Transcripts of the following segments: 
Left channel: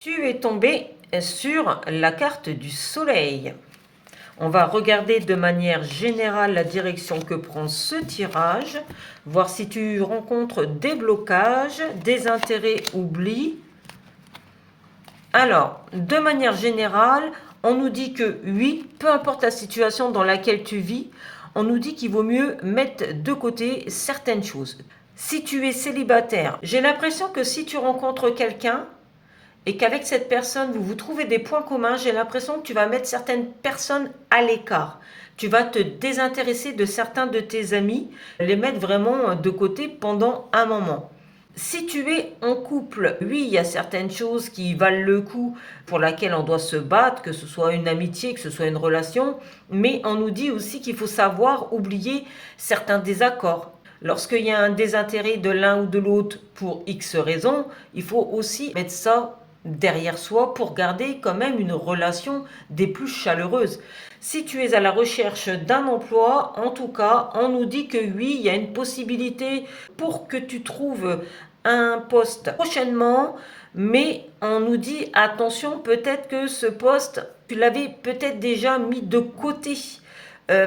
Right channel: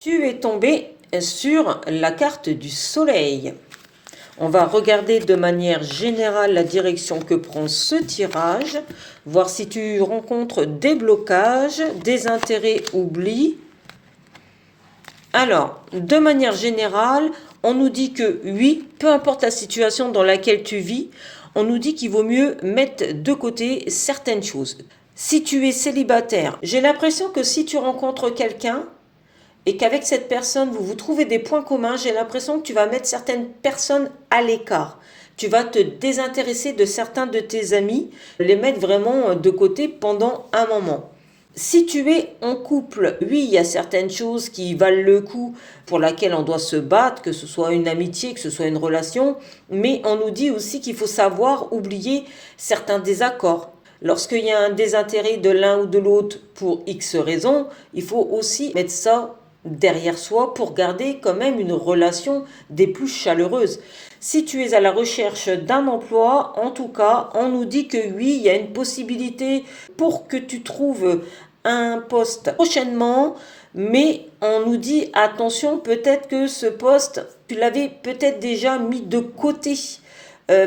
Tu es tombé sur la carte du soleil. On va regarder de manière générale la direction que prend ce tirage, voir si tu rencontres des blocages, des intérêts oubliés. Alors, de manière générale, on nous dit que oui, peu importe la situation dans laquelle tu vis, on nous dit qu'il vaut mieux mettre de côté certaines choses. Si tu es célibataire, j'ai l'impression que si tu rencontres quelqu'un, et qu'avec cette personne, vous trouvez des points communs, j'ai l'impression que tu vas mettre certaines personnes à l'écart. Tu vas te désintéresser de certains de tes amis, les mettre vraiment de côté pendant un moment. Si tu es en couple, oui, il y a certaines choses qui valent le coup pour lesquelles on doit se battre, que ce soit une amitié, que ce soit une relation, mais on nous dit aussi qu'il faut savoir oublier certains désaccords. Lorsqu'il y a un désintérêt de l'un ou de l'autre pour X raisons, il faut aussi mettre ça derrière soi pour garder quand même une relation des plus chaleureuses. Si tu es à la recherche d'un emploi, en tout cas, on nous dit que oui, il y a une possibilité pour que tu trouves un poste prochainement, mais on nous dit attention, peut-être que ce poste, tu l'avais peut-être déjà mis de côté.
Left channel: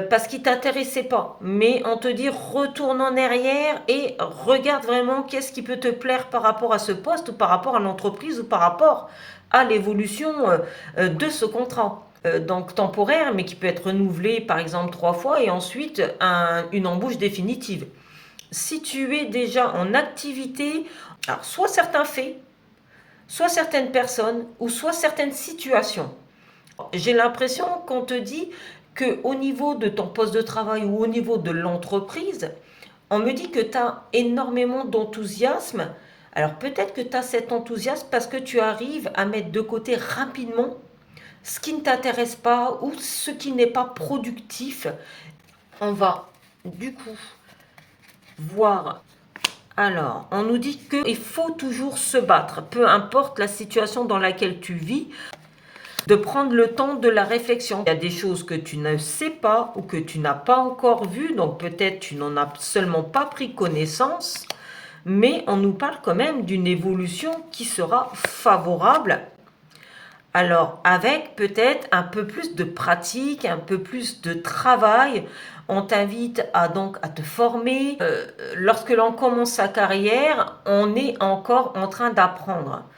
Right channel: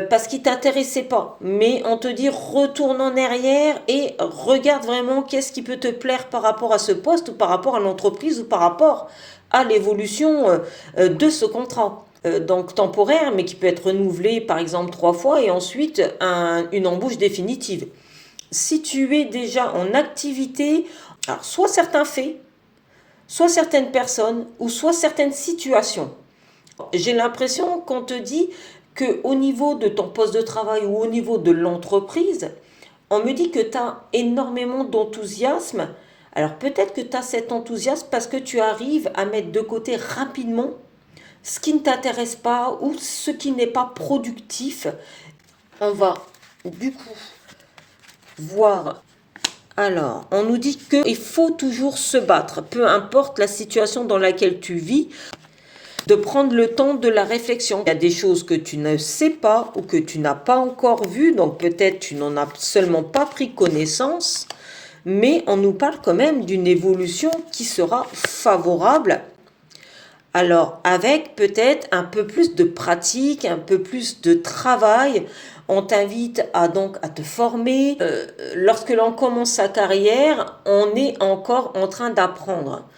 Parce qu'il t'intéressait pas. Mais on te dit retourne en arrière et regarde vraiment qu'est-ce qui peut te plaire par rapport à ce poste ou par rapport à l'entreprise ou par rapport à l'évolution de ce contrat. Donc temporaire, mais qui peut être renouvelé par exemple 3 fois et ensuite une embauche définitive. Si tu es déjà en activité, alors soit certains faits, soit certaines personnes ou soit certaines situations. J'ai l'impression qu'on te dit qu'au niveau de ton poste de travail ou au niveau de l'entreprise, on me dit que tu as énormément d'enthousiasme. Alors peut-être que tu as cet enthousiasme parce que tu arrives à mettre de côté rapidement ce qui ne t'intéresse pas ou ce qui n'est pas productif. On va du coup voir. Alors, on nous dit qu'il faut toujours se battre, peu importe la situation dans laquelle tu vis, de prendre le temps de la réflexion. Il y a des choses que tu ne sais pas ou que tu n'as pas encore vues, donc peut-être tu n'en as seulement pas pris connaissance, mais on nous parle quand même d'une évolution qui sera favorable. Alors, avec peut-être un peu plus de pratique, un peu plus de travail, on t'invite à te former. Lorsque l'on commence sa carrière, on est encore en train d'apprendre.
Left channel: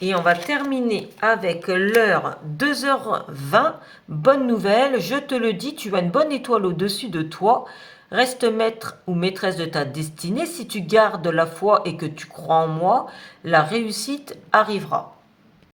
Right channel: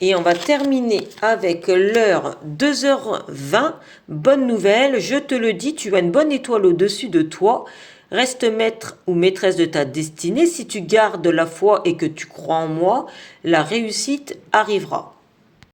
Et on va terminer avec l'heure 2h20. Bonne nouvelle, je te le dis, tu as une bonne étoile au-dessus de toi. Reste maître ou maîtresse de ta destinée. Si tu gardes la foi et que tu crois en moi, la réussite arrivera.